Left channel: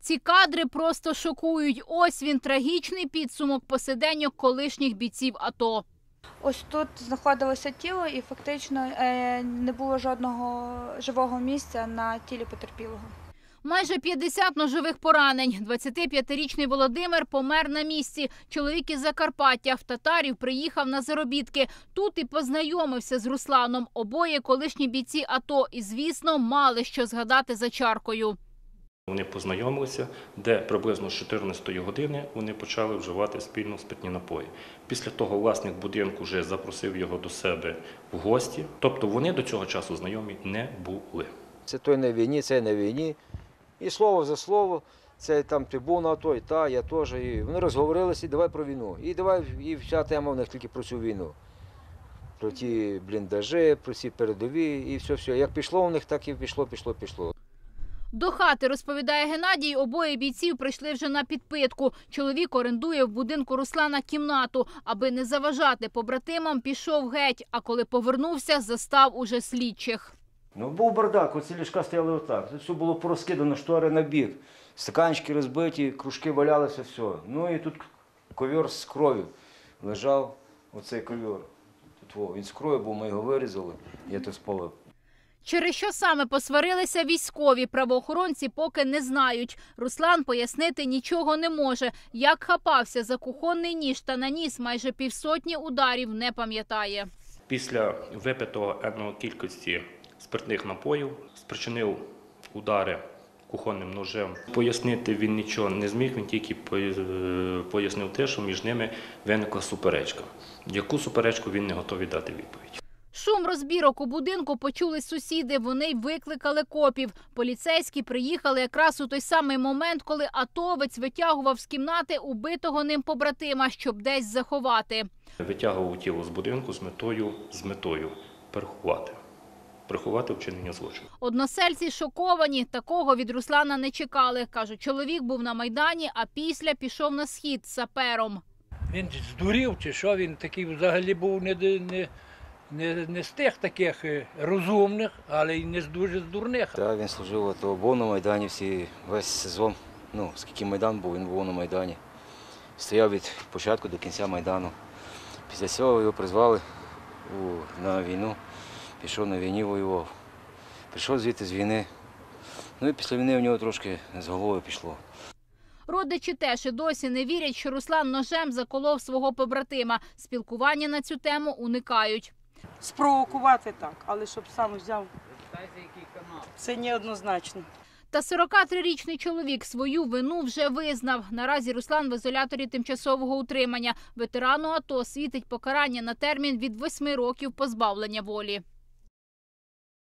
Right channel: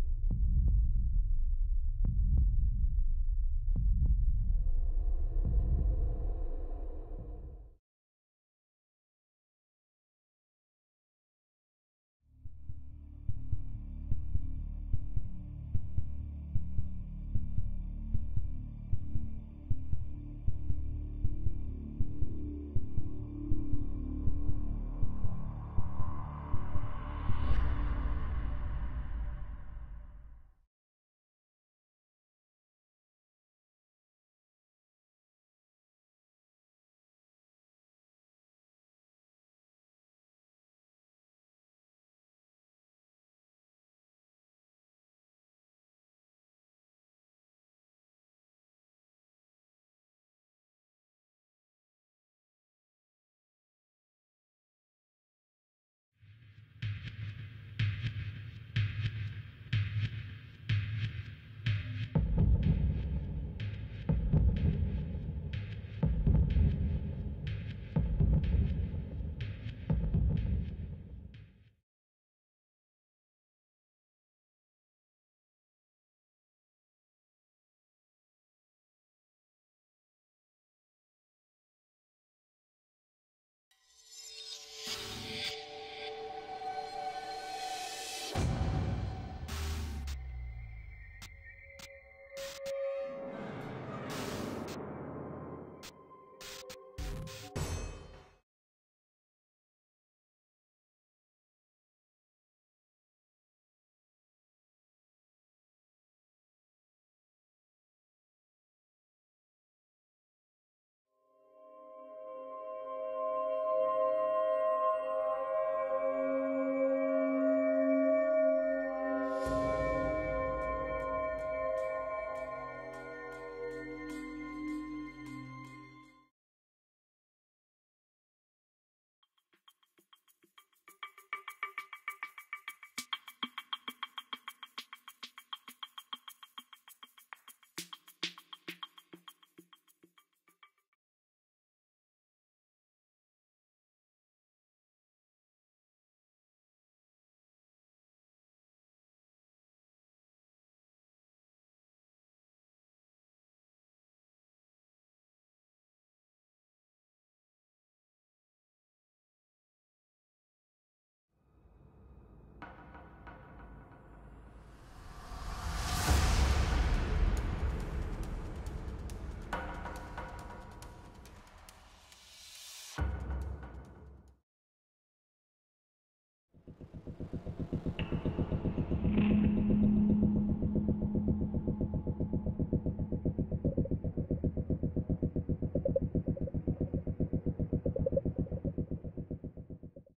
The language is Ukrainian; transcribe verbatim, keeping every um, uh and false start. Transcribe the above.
Ці кадри просто шокують. Ось він, трагічний підсумок посиденьок колишніх бійців АТО. Ось тут знаходилося тіло і фактично не було жодного живого місця на тілі потерпілого. Майже п'ятдесят ножових поранень. двадцятип'ятирічний Володимир помер на місці. Чоловік із Закарпаття в Татарів приїхав на заробітки. Тут і познайомився з Русланом. Обоє колишні бійці АТО і, звісно, мали що згадати за чаркою. Вони познайомилися, де приблизно з чотирнадцятої години вони почали вживати спільно спиртні напої. Після того власник будинку вже запросив його до себе в гості. Тобто вони до цього часу знайомі не були. Це той на війні, це на війні. І слово за слово, це там ти був на АТО, і та, я теж. І вони розговорилися, і давай про війну. І давай, і вся тема в них тільки про цю війну. Про ті бліндажі, про ці передові, і все-все. Як пішло у них, так і пішло, пішло, пішло. До хати, розповідає Геннадій, обоє бійців прийшли вже на підпитку. Чоловік орендує в будинку Руслана кімнату. Аби не заважати побратимам, пішов геть. А коли повернувся, застав уже слідчих. Ну, був бардак, оці ліжка стояли отак. Тут все було порозкидано, штори на бік. Стаканчики розбиті, кружки валялися, все. Ну і тут ковер з кров'ю лежав, оцей ковер. Тут, о, він з кров'ю був, ми його вирізали, я тут спалив. Через що саме посварилися військові, правоохоронці поки не знають. Руслан пояснити нічого не може. Як хапався за кухонний ніж та наніс майже півсотні ударів, не пам'ятає. Після випитого енної кількості спиртних напоїв спричинив удари кухонним ножем. Пояснити він нічого не зміг, він тільки пояснив те, що між ними виникла суперечка. Яку суперечку, він не готовий дати відповідь. Шум розбірок у будинку почули сусіди, вони й викликали копів. Поліцейські приїхали якраз у той самий момент, коли атовець витягував з кімнати убитого ним побратима, щоб десь заховати. Витягував тіло з будинку з метою, з метою переховати. Приховати вчинення злочину. Односельці шоковані, такого від Руслана не чекали. Кажуть, чоловік був на Майдані, а після пішов на схід з сапером. Він здурів чи що, він такий взагалі був не, не, не, не з тих таких розумних, але й не з дуже з дурних. Так, він служив, АТО, був на Майдані всі, весь сезон, ну, скільки Майдан був, він був на Майдані. Стояв від початку до кінця Майдану. Після цього його призвали у, на війну. Пішов на війні, воював. Прийшов звідти з війни. Ну і після війни в нього трошки з головою пішло. Родичі теж і досі не вірять, що Руслан ножем заколов свого побратима. Спілкування на цю тему уникають. Спровокувати так, але щоб сам взяв, це неоднозначно. Та сорокатрирічний чоловік свою вину вже визнав. Наразі Руслан в ізоляторі тимчасового утримання. Ветерану АТО світить покарання на термін від восьми років позбавлення волі.